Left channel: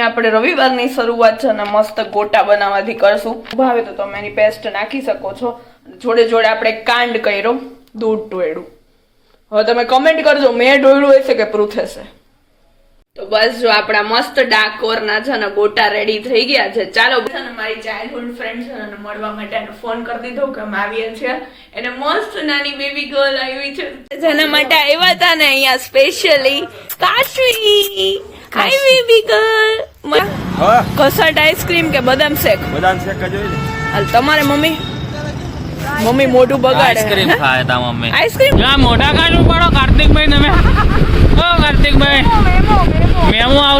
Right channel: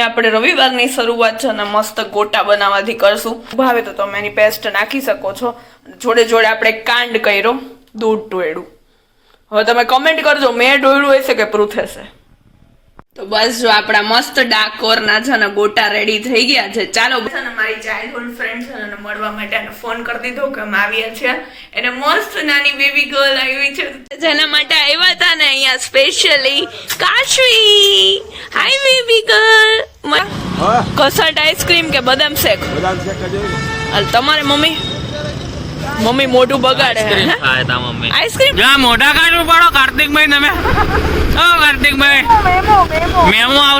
આપણે રવિવારની શરૂઆત છે અને મસ્ત ગોટા બનાવવાથી કરશું. ભાવે તો તમે એની પેસ્ટ નાખી શકો છો. જોડે જોડે આપણે કાંડ કર્યો, દૂધ ટોયડું. હવે તમે કમેન્ટ કરજો મેં ડોયડું હશે કે પૃથેશે. તો બસ જો આપણા મસ્ત ડાકોરના છે ને ગોટા રેડી થઈ ગયા છે. ચાલો મારી ચાઇલ્ડહુડ ફ્રેન્ડ છે ને મળવા માટે એને ફોન કરી દીધો કે અમે આવ્યા છે. એને મસ્ત નાની બેબી ગર્લ આવી છે જેના માટે આવ્યા હતા ને અહીંયા સ્પેશિયલી. કાશવી, હાય બેબી ગર્લ. કસટ આઈસ્ક્રીમ કે બદામ શેક? બદામ શેક જ હોય ને. હાલ તમારે મમ્મી મોઢું બગાડે આઈસ્ક્રીમ ખાય તા મમ્મી. આઈસ્ક્રીમ જા મોઢા કાઢવું પડો કાર્તિકભાઈ તમે. ઓ કાર્તિકભાઈ મેમો આવ.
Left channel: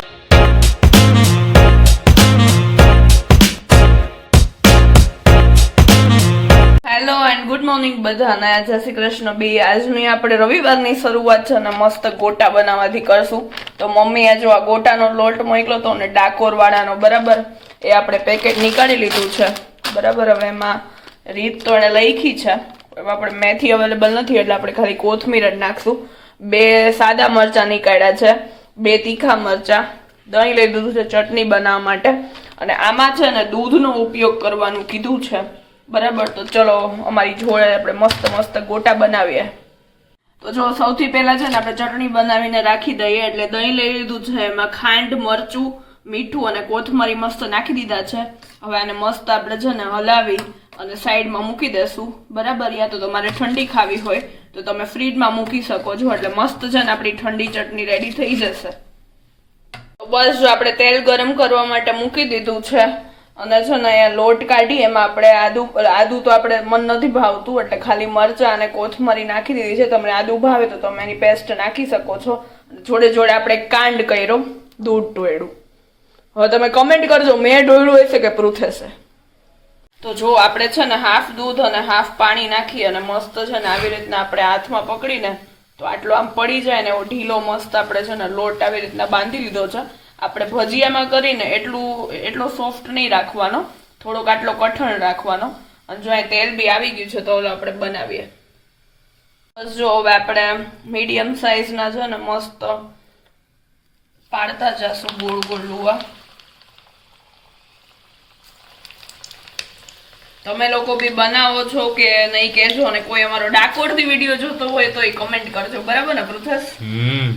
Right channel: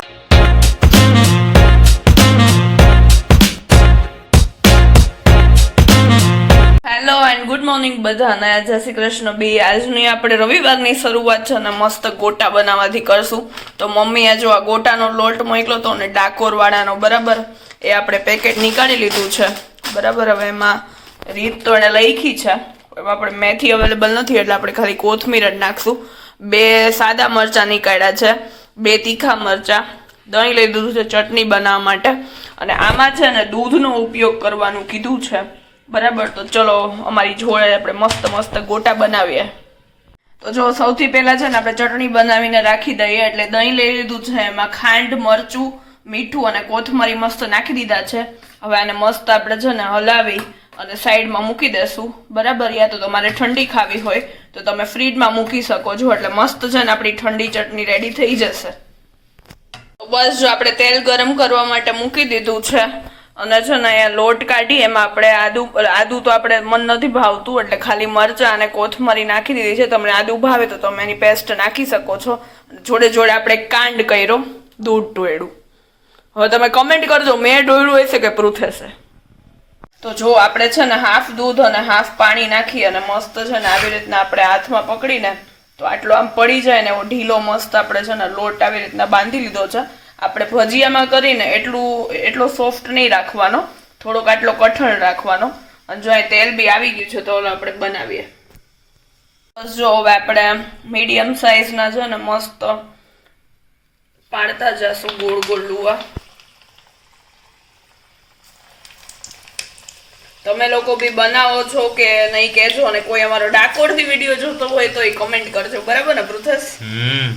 હેલો એન્ડ ગુડ મોર્નિંગ બધાને. જય શ્રી કૃષ્ણ. બે આજની આપણે રવિવારની શરૂઆત છે ને મસ્ત ગોટા બનાવવાથી કરશું. તો મમ્મીએ જો આ ગોટાનો લોટ મોકલો તો ને ડાકોર વાળાનો, બરાબર, એ આપણે પેકેટ નીકાળી લીધું છે, બરાબર. હવે એમાં રીત તો એને લખી છે, એમાં આપણે મેથી અવેલેબલ નથી એટલે આપણે ખાલી કોથમીર જ નાખશું. 2 સાદા મરચાં નીકાળ્યા છે, 2 તીખા મરચાં, દહીં લઈ દીધું છે ચટણી બનાવવા માટે, અને આમાં છે ને દૂધનો ઉપયોગ કરવાનું કીધું છે, બરાબર. તો ચલો અમારી જોડે આપણે મસ્ત ગોટા બનાવીએ. તો જો સૌથી પહેલા છે ને આપણે ચટણી બનાવીને રાખી દઈએ. એટલે દહીં લઈ લીધું છે, એમાં ખાંડ, મરચું, મીઠું અને કોથમરી મસ્ત નાખી દીધા છે. હવે આને મસ્ત આપણે છે ને હલાવી અને સાઈડમાં મૂકી દેશું, બરાબર. યા તો તમારે ઠંડી ખાવી હોય તો તમે ફ્રીજમાં મૂકી શકો છો. એટલે મસ્ત છે ને આપણી ઠંડી ચટણી રેડી થઈ જશે. તો બસ જો આપણે તેલ ગરમ કરવા માટે મૂકી દીધું છે અને છે ને અહીંયા લોટ કાઢી એમાં આપણે આદુ તો આપણે મન નથી ભાવતું એટલે ખાલી મરચાં અને કોથમરી નાખી દીધી છે. તમને આદુ ભાવે તો તમે એની પેસ્ટ નાખી શકો છો. જોડે જોડે આપણે કાંડ કર્યો, દૂધ ટોયડું. હવે તમે કમેન્ટ કરજો મેં ડોયડું હશે કે પૃથેશે. તો જો આપણે છે ને હાફ દૂધ અને હાફ પાણી નાખી અને મસ્ત છે ને આવી રીતના આપણે હાથમાં પકડીને તો આટલો આમ પડી જાય ને એવો ઢીલો મસ્ત આપણે છે ને લોટ આવી રીતના બાંધી લીધો છે. આપણે ભજીયામાં કરીને એટલો સોફ્ટ નહીં રાખવાનો, થોડોક આટલો કઠણ રાખવાનો. અને જો અહીં તેલ બી આવી ગયું છે તો આપણે બનાવીએ. બસ જો હવે આપણે મીડિયમ સાઈઝના છે ને મસ્ત પાડતા જશું ગોળ ગોળ લુવા. તમે લોકો બી બનાવો છો કે નહીં કહેજો, અને કોઈ અમારો ડાકોરથી વિડીયો જોતો હોય તો એ કમેન્ટ કરજો, બરાબર ને પૃથેશ?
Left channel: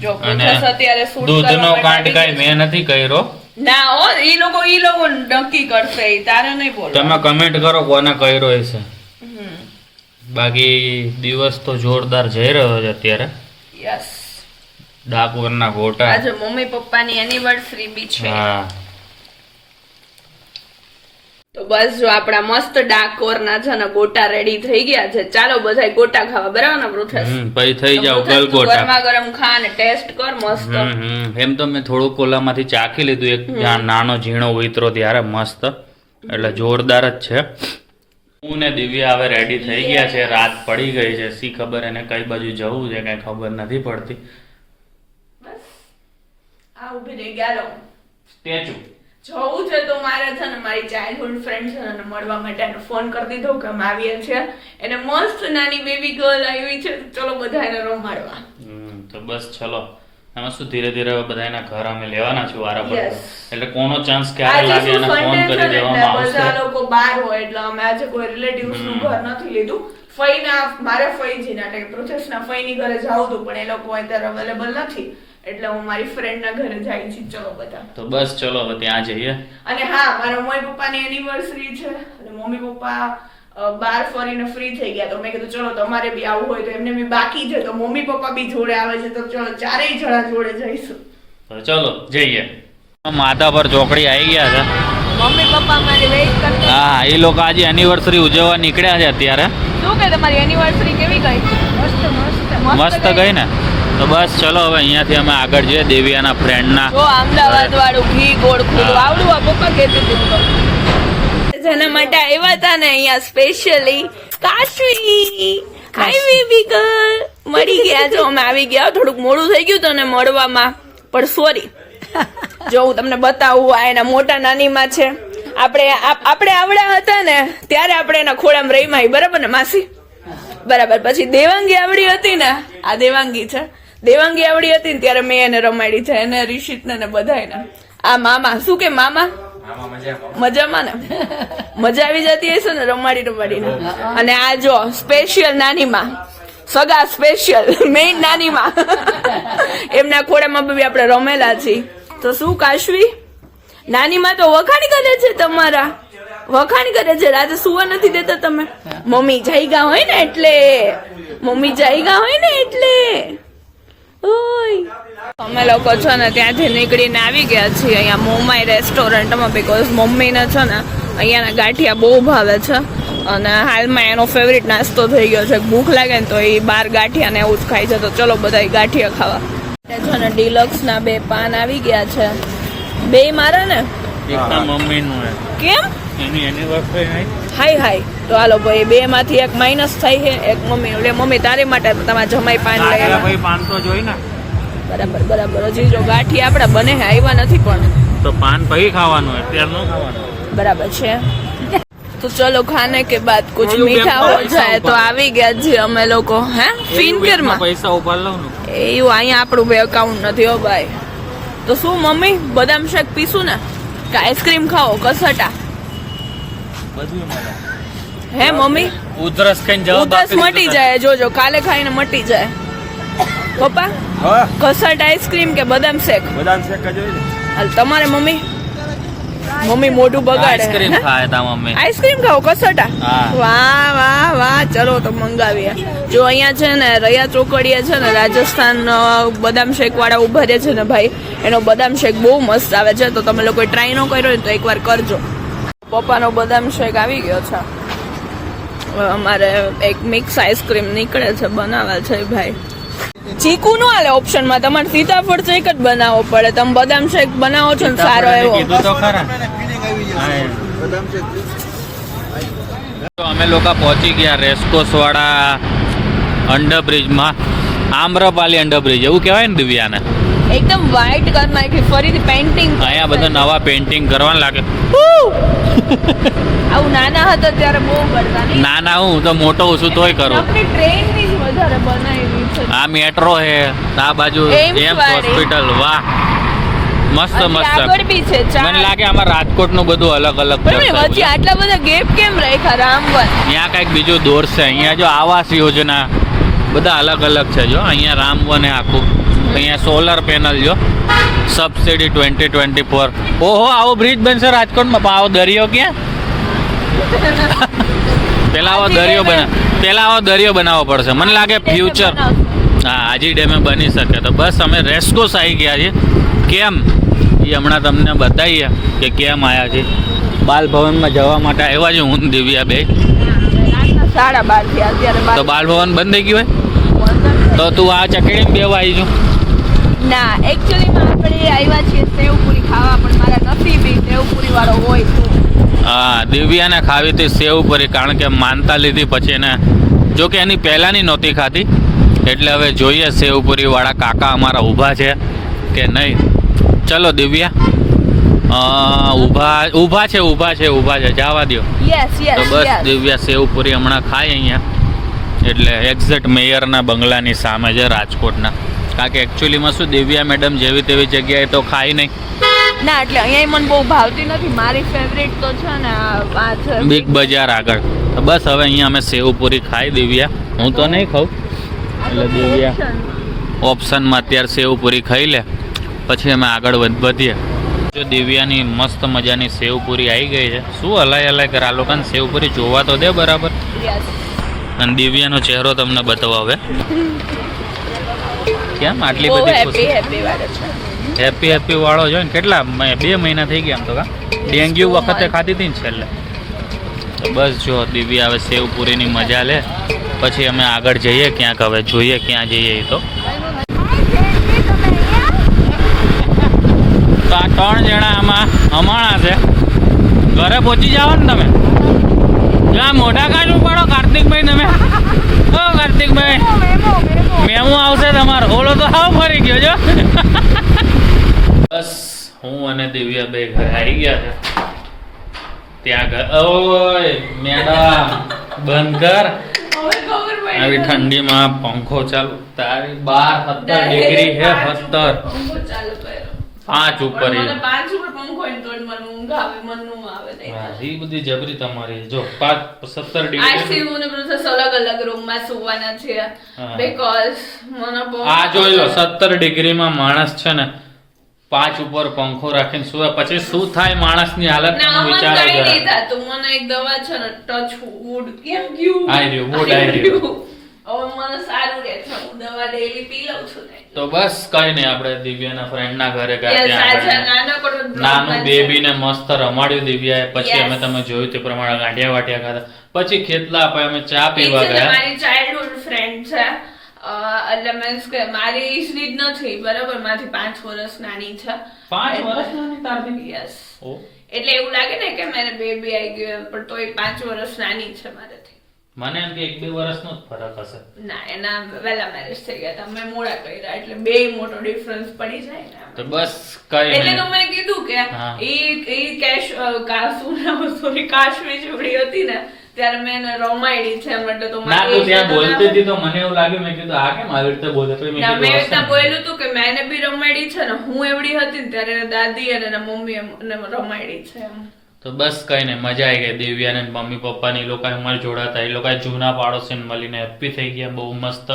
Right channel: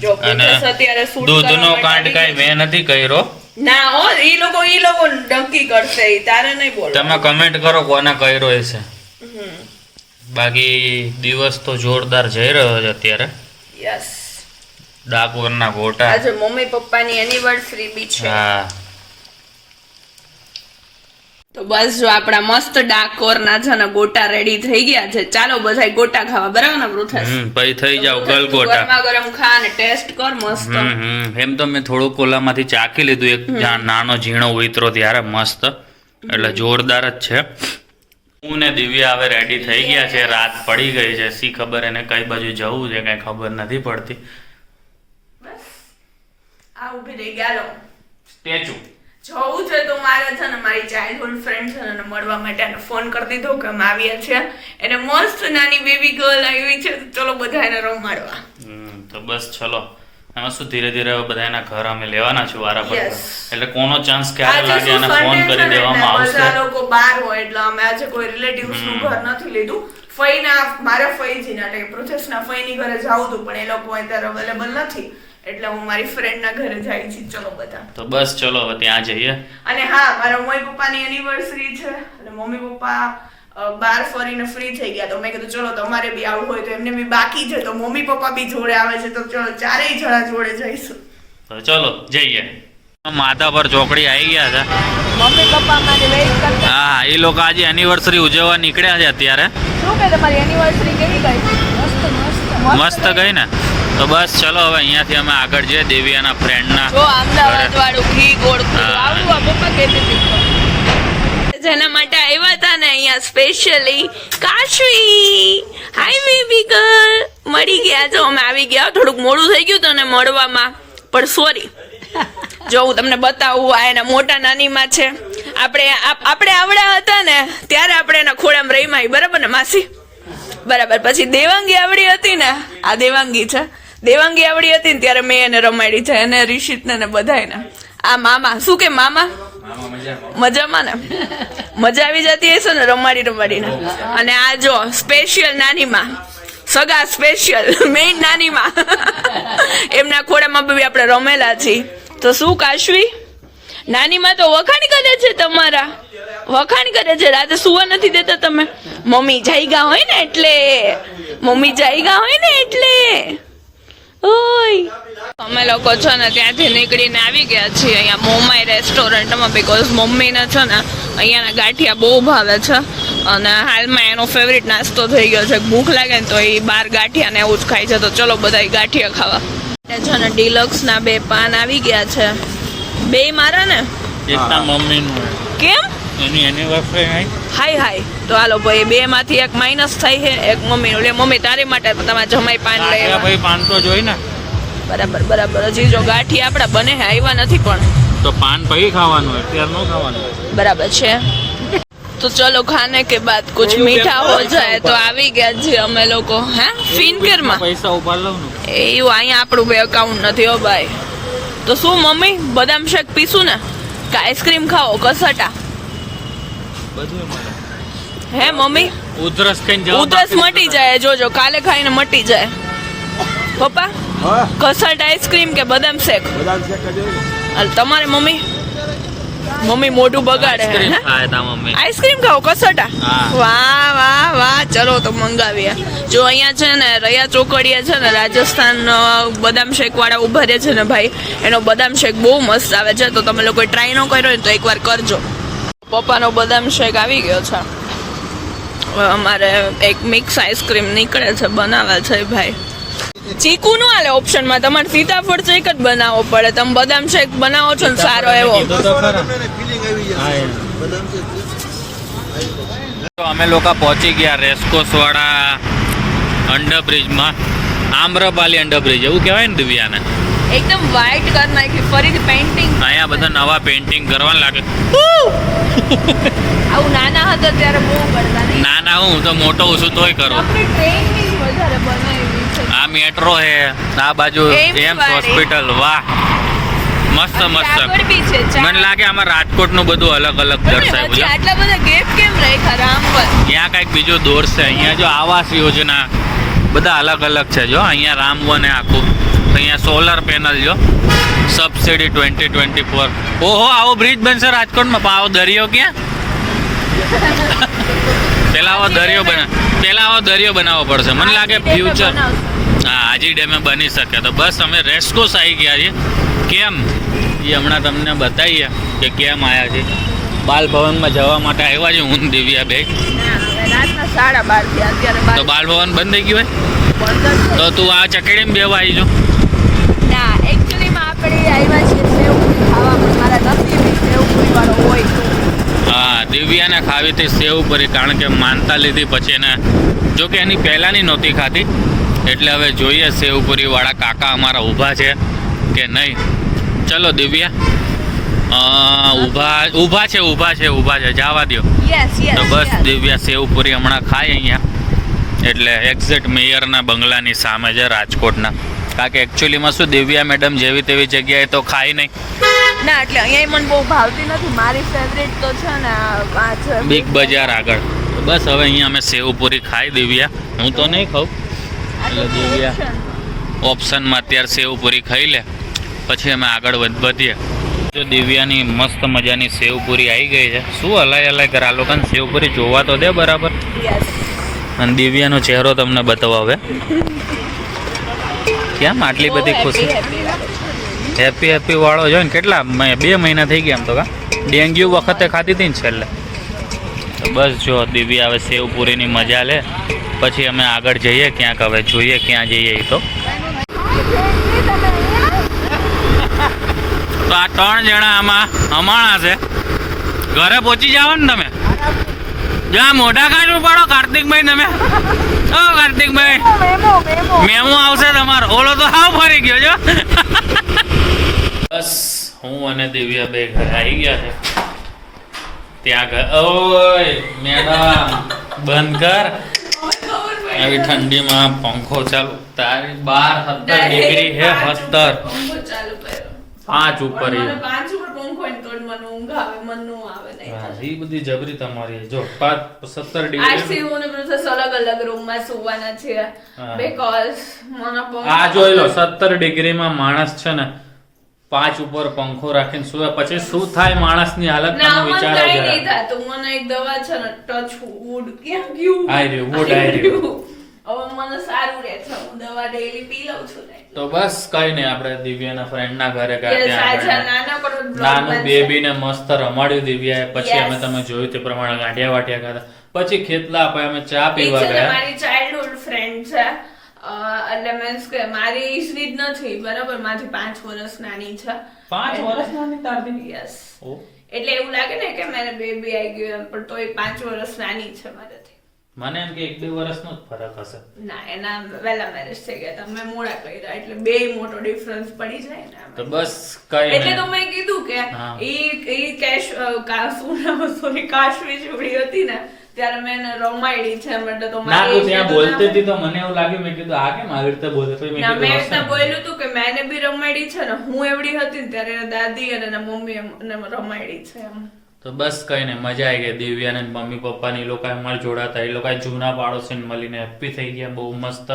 જો પૃથેશ અત્યારે શૂટ દૂધનો કાંડ કાઈ મેં નથી કર્યો. ના હો, ઈ લોકો નક્કી કરશે, તારે નહીં બોલો. તમે કમેન્ટ કરો કોને કર્યો હશે. બાકી દિવસ તો જોરદાર જઈ રહ્યો છે અત્યારે. યસ, ડાકોરના ગોટા. આજે મમ્મી પપ્પાની એનિવર્સરી બી છે. હા, તો બસ જો આપણા મસ્ત ડાકોરના છે ને ગોટા રેડી થઈ ગયા છે. ચાલો બધા ગોટા ખાવા, બરાબર ને પૃથેશ? પછી થઈ જાવ ગલ ગોટા. ગરમા ગરમ ખા અને ટેસ્ટ કર મસ્ત. એમ તો મેં થોડુંક ઓલામાંથી ચાખી લીધું, એક નાનો ઝીણો ઉતરો ત્યારે મસ્ત, એટલે જોરદાર જ છે. હું ને દિવ્યા હવે રેડી થઈ ગયા છે. રાત પડી ગઈ છે, સી ખબર એને કઈ બાજુ જવું છે કઈ ખબર નથી પડતી. બસ આ ઊભી રહી ગયા સ્ટેચ્યુ જવું છે તો મારે છે ને મારી ચાઇલ્ડહુડ ફ્રેન્ડ છે ને મળવા માટે એને ફોન કરી દીધો કે અમે આવ્યા છે. એને મસ્ત નાની બેબી ગર્લ આવી છે, ચલો બધા એને રમાડવા. તો બસ ચલો. એમાં શું ધીરે ધીરે બધા એના ઘર અમે લેવાના છું વારા પર, એટલે કોનો ચાન્સ ક્યારે લાગે એને ફોન કરી દેવામાં આવશે. બધા લોકો બહાર હોય એટલે અમે આજે કોઈ રિલેટિવ્સ નું ઘર નથી લીધું. ફઈના મારા ફઈજીના એટલે પૃથેશના ફઈની ઘરે જાવું હતું પણ એ લોકો અત્યારે અવેલેબલ નથી એટલે હું મારી ફ્રેન્ડ ના ઘરે જાય છું. ચલો બધા. તો બસ ચલો હવે ત્યાં જઈએ. અને હા, મારા મમ્મી પપ્પાની એનિવર્સરી છે અને મમ્મી પપ્પા બહાર ફરીને ફ્રી થઈ ગયા તો મેં કીધું ચલો તમારે બી આવવું હોય તો એમને બી બાકી છે તો મમ્મી પપ્પા બી જોડે આવે છે તો ચલો ચારેય જણા જોડે જઈશું. તો ચલો જઈએ. માતા પર ચોકડી આવી ગયા છે. મમ્મી પપ્પા મારે વેઇટ કરતા. હા, એ લોકો આજે એનિવર્સરી ઉજવવા નીકળ્યા છે અત્યારે. શું કે તમારી એનિવર્સરી કેવી ગઈ? મસ્ત ગઈ ને. તો બસ ચલો હવે અહીંયાથી અમે આગળ જઈએ દેવિયાના ફ્રેન્ડના. જો અમદાવાદ વાળું ઘી ગોળ આવડું આ પપ્પા કહેતી હતી જેના માટે આવ્યા હતા ને અહીંયા સ્પેશિયલી. કાશવી, હાય બેબી ગર્લ. મળી ગયા જો અમે આવી ગયા. થોડુંક મોડું થઈ ગયું તને મળવામાં પણ સોરી. જો હું તમને બતાવું, આ એના મોટા નાનીમાં છે. આપણે આવડા હતા ને ત્યારે આપણે એના ખોળામાં રહીમાં, બરાબર ને માસી? બરાબર. પછી દેવાંગી આવડી હતી ને, આ દેવાંગી છે, દેવાંગી આવડી હતી ને ત્યારે મેં એને રમાડી છે, એને રિશિતને ને બધાને. આ મામા શું કે મામા મજામાં ને મજા આવી જતી હશે ને રમાડીને અને આ જો સ્પેશિયલ નાની માં સગા સ્પેશિયલ મેઇન નાની માં એમના ખોડામાં બી આપણે રમેલા છીએ તો શું કાશવી નાની માં તો વખાણ કરે છે તમારા વખાણ કરે છે રાતે સુવા નથી દેતા તમે મમ્મી જાયગા હોય ને એટલે ઓય અમે લોકો છે ને ત્યાંથી નીકળીને આવી ગયા છીએ અહીંયા મોમાઈ રેસ્ટોરન્ટમાં બીકોઝ મમ્મીને છે ને અહીંયાના ગાંઠિયા બહુ ભાવે છે અને હાલમાં એનો ફેવરિટ નાસ્તો થઈ ગયો છે ભૂખ લાગે ને તો એ બાર ગાંઠિયા ને એવું જ ખાય છે તો ચલો બધા ગાંઠિયા ખાવા છે ને ડિલક્સ ના 2 પાન આવી ગયા છે 2 મારા ને મમ્મીનું કેમ એની એનિવર્સરી હાય તો હાલો ભાઈ 2 માંથી એક માઇનસ થાય છે એક મમ્મી એટલે મમ્મી તારી માટે તમારા જમાઈ પાન લઈ આવ્યા ભાઈ પાન તો જોઈ ને બરાબર હજી જો ગાંઠિયા આપડા બને હે આવ્યા નથી પણ તો પાન પછી ખાવાનું અત્યારે ન ખાવાનું બરાબર છે તો ચલો ખાને કે બાદ કુછ મીઠા હો જાય તો આવી ગયા છે અમે લોકો હે ફિનકેર માં પૈસા ઉપાડ લઉં ને એવું અહીંયા આપણું બે અકાઉન્ટ નથી હો ભાઈ તો શું મમ્મી બદામ શેક પીશું ને કે આઈસ્ક્રીમ ખાઓ કસટા હે મમ્મી ઉધરસ ખાઈને જાવ ઉધરસ મટી જાય જોજો કાલે ખાઈને મટી જાય પપ્પા કસટ આઈસ્ક્રીમ કે બદામ શેક હાલ તમારે મમ્મી મોઢું બગાડે હે આઈસ્ક્રીમ ખાઓ કસટા વાહ ચલો તો મંગાવીએ જો અહીંયા છે ને રયા ચોકડીયા છે ને રાજસ્થાન બદામ શેક વાળા ઉભા રહે છે ને ભાઈ એનો બદામ શેક બહુ મસ્ત આવે છે તો તમે લોકો ટ્રાય ન કર્યો હોય તો એકવાર કરજો પપ્પાનો બદામ શેક આવી ગયો છે અમારે એક મિક્સ આઈસ્ક્રીમ નીકળે છે બનાવે છે ભાઈ ચીકુ નો આલે ઓપ્શન માં તમારે સીતાફળ શેક જ બનાવવો પડે તમે બદામ શેક બનાવો છો ને સારો એવો અમે લોકો પહોંચી ગયા રેસકોસ વાળા અંડરબ્રિજ માં આમ્રપાલી અંડરબ્રિજ એવું કહેવાય ને દિવ્યાને એકદમ વ્હાઈટ કલર નાખી ફરીથી પેઇન્ટિંગ અહીંયા બધા નવા પેઇન્ટિંગ કરવા લાગે આવું નાના હતા ત્યારે બહુ કરતા નાના હું તો મોટો છું તોય કરું આપણે ટ્રેન ની વધારે બનાવી છે આ મેટ્રો હે આ બાજુ એમ્સ હોસ્પિટલ વાહ મસ્ત મને લાગે આમાં રાજકોટ નું બધું અલગ દર્શાવ્યું આટલા બધા ગેપ કેમ રાખ્યા રામવન અહીંયા કઈક બીજું દોર છે અહીંયા જો આવાસ યોજના બધા અલગ છે જો અહીંયા રામવન હે આખું અહીંયા સોલર પેનલ જો સબસિડી 2024 ઓહો આવો બ્રિજ બનશે રાજકોટમાં આવો દરિયો ક્યાં પેલા આવો દરિયો બનાવવો પડશે મને લાગે ફ્યુચર હા આજી ડેમે બની શકે તો બસ અમે રેસ્કોસ આવી ગયા છીએ કેમ એ હમણાં તમને બતાવીએ કે કેમ આવ્યા છે બાલ ભવનમાં જવા માટે આવ્યા છે હું દિવ્યા બે તો બાલ ભવન બંધ થઈ ગયું હોય તો તું આ ચકેડીમાં બેવા આવી જો ના એક્ચ્યુઅલીમાં આપણે આવ્યા છીએ સેવપુરી ખાવા પણ મારા નસીબી સેવપુરી વાળો હોય તો હા દિવ્યાને ખાવી હતી સેવપુરી કારણ કે માનતા લીધી પછી એને જો કે એની પહેલાંની નહોતી ખાતી એટલે હવે જોઈએ સેવપુરી વાળા કાકા અમારા ઊભા છે કે નહીં ચલો દિવ્યા ઊભા છે જવા દો તો બસ દિવ્યા સેવપુરી હમણાં ખાય અહીંયા એટલે એક્ઝેક્ટ મેયરના બંગલાની સામે છે રાજકોટના કારણ કે એકચ્યુઅલીમાં શું દિવ્યા મેડમ જેવી તેવી જગ્યાએ તો ખાય નહીં ના એટલે અહીંયા મને બહુ ભાવતી નથી મારી ફેવરેટ તો છે ને આ છે બિગ બજાર આગળ બસ હવે અહીંયા અમે સેવપુરી ખાઈ દિવ્યા હું તો નહીં ખાઉં એટલે દિવ્યા ઓપ્શનમાં અત્યારે સેવપુરી ખાઈ લે પછી અમે આગળ વધીએ જો દિવ્યાની મસ્ત મજાની સેવપુરી આવી ગઈ છે શું હલાય કર આ લોકોને સેવપુરી જોવા તો દે બરાબર અને દિવ્યાનો ચહેરો તમને બતાવો હવે કેમ આટલી બધી ખુશી હેપી વાળો જો ને કેટલા 2 મહિના થઈ ગયા એમ તો ડેન્ગ્યુ વખતે ખાધી હતી ને છેલ્લે તો બસ જો દિવ્યા હવે સેવપુરીની મજા લે પછી અમે આગળ જઈએ ક્યાંક હવે જોઈએ ક્યાં જઈએ એ તો આ 3 જણા આમાં હમાણા છે ઘરે પહોંચી જાઓ ને તમે જ્યાં મોઢા કાઢવું પડો કાર્તિકભાઈ તમે ઓ કાર્તિકભાઈ મેમો આવશે તમારો ઓલો તો હાવ ફરી ગયો છો બસ હું અને દિવ્યા બે ઘરે આવી ગયા છે ત્યાં ઓય મેડમ બંધ કર આવી ઠંડીમાં પંખો ચાલુ તારી 17 ડિગ્રી હે 17 5 ઉપર પણ મને 5 ઉપર પંખો હોય ને તો જ મને ઊંઘ આવે, મન નું આવે નહીં. હા એ બધી જબરી તમારી. જો 17 ડિગ્રી આજથી હું ને પ્રોસેસ અલગ રૂમમાં સુવાના છીએ હા. બીકોઝ મને બહુ આ જોઈ લો 17 ડિગ્રીમાં માણસ છે ને 5 ઉપર પંખો રાખીને સુવે પછી શું થાય માણસની હાલત ના તમે મને વિચારો કઈ જરા. નહીં થતું. મને એક દવા છે ને ટચ વુડ કેમ ગયું આઈ રહ્યું, wood આઈ રહ્યું. હવે મને સારું રહે છે, હું દવા ડેઈલી પી લઉં છું ને. તો બસ કઈ નહીં, આપણે દિવ્યાના ફ્રેન્ડ ના ઘરે ગયા Yes, ત્યાં આજે આગળ નાનકડો vlog નાનું બનશે. બેબી ને મસ્ત રમાડ્યું દિવ્યાએ. પછી Yes. અમે તમે જોયું તે પ્રમાણે ગાંઠિયા વાટિયા ખાધા. પછી ખેતલા આપણે અમે ચા એ પીવા છે ને ગયા. મારી ચાઇલ્ડહુડ ફ્રેન્ડ છે. એટલે મીન્સ કે મારી એજની જ નથી, બરાબર, માથી 5 વર્ષ નાની છે. 5 વર્ષ નાની તારથી? યસ. ઓ, એટલે એવું લાગે ને કે મારે બેબી આવી ગયો પણ તોય 5 વર્ષ નાની છે મારાથી. મને એમ કે 1-2 વર્ષનો જ ફરક હશે. ના, એના વહેલા મેરેજ થઈ ગયા હતા, મેં મોડા કર્યા, એટલે બેય મોટો ડિફરન્સ પડી જાય ને આમાં. તો બસ કઈ એટલે તો નહીં. મેં કીધું કે હા. કાશ્મી ચૂડી હતી ને ત્યારે મેં એને રમાડી છે એટલે તો ના મારી તું ત્યાં age તો બોલતી ના હતી તો મને એવું લાગ્યું, મેં કીધું આ કેમ આવી રીતે બોલે. પછી મેં ના, મેં કીધું એવી રીતના હશે ને. બોલ્યું હતું કે મેં એને બી રમાડી છે ને, હું એવડી હતી ને ત્યારે એના દાદી અને એના મમ્મી એને રમાડી છે એમ. તો બસ કઈ નહીં, મજા આવી ગઈ. દિવ્યાને મમ્મી પપ્પાની એ લોકો અમારે જોડાતા, એ લોકો જૂના પાડોશીને મળીને હેપી થઈ ગયા બહુ મસ્ત.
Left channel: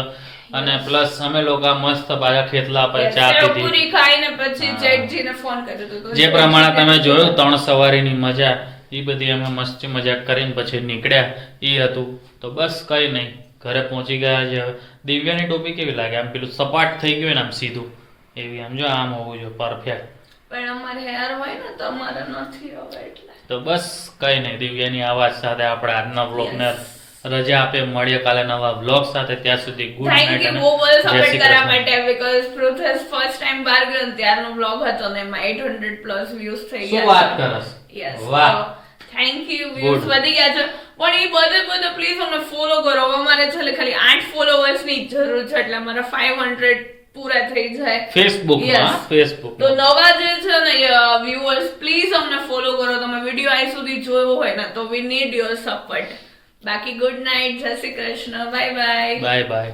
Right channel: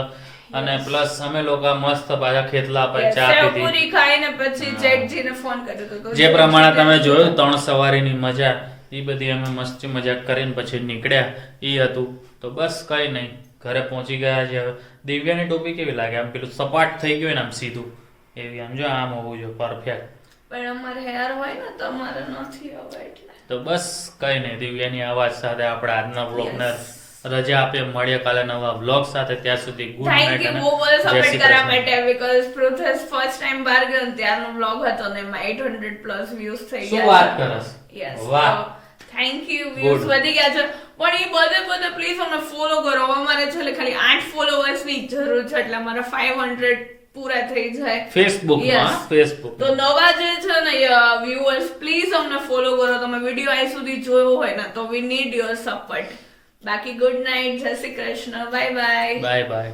અને પ્લસ અમે લોકો મસ્ત પાછા ખેતલા પર Yes, ચા સેવ પીધી. પૂરી ખાઈને પછી જેઠજીને ફોન કર્યો હતો તો જે પ્રમાણે તમે જોયું 3 સવારીની મજા, એ બધી અમે મસ્તી મજાક કરીને પછી નીકળ્યા એ હતું. તો બસ કઈ નહીં, ઘરે પહોંચી ગયા છે. હવે દિવ્યાની ટોપી કેવી લાગે? આમ પેલું સપાટ થઈ ગયું ને આમ સીધું એવી, આમ જો આમ હોવું જોઈએ પરફેક્ટ. પણ અમારે હેર હોય ને તો અમારે નથી હવે એટલે. તો બસ કઈ નહીં, દિવ્યાની આવાજ સાથે આપણે આજના વ્લોગને Yes. રજા આપીએ. મળીએ કાલે નવા વ્લોગ સાથે. ત્યાં સુધી ગુડ થેન્ક નાઇટ યુ અને બહુ બધો જય સપોર્ટ શ્રી કરવા કૃષ્ણ. માટે બીકોઝ પ્રોસેસ ફર્સ્ટ ટાઈમ બહાર ગયો ને ત્યારનો વ્લોગ હતો ને એમાં 800 પ્લસ વ્યૂઝ થઈ શું ગયા વાત છે. કરસ? Yes, વાહ. Thank you, views Good. વધી ગયા છે. પણ એ બધે પ્લીઝ અમને ફોલો કરો. હવે અમારે છે ખાલી 8 ફોલોવર્સ ની જરૂર છે એટલે અમારા 500 પૂરા થઈ જાય. Facebook Yes. ફેસબુક તો નવા જે છે ને વ્યુઅર્સ પ્લીઝ અમને ફોલો કરો. તમે વિડીયો આઈ સુધી જોયો હોય ને તો વી નીડ યોર સપોર્ટ. બાકી ગુડ નાઇટ, જય Shri Krishna, bye bye. Bye bye.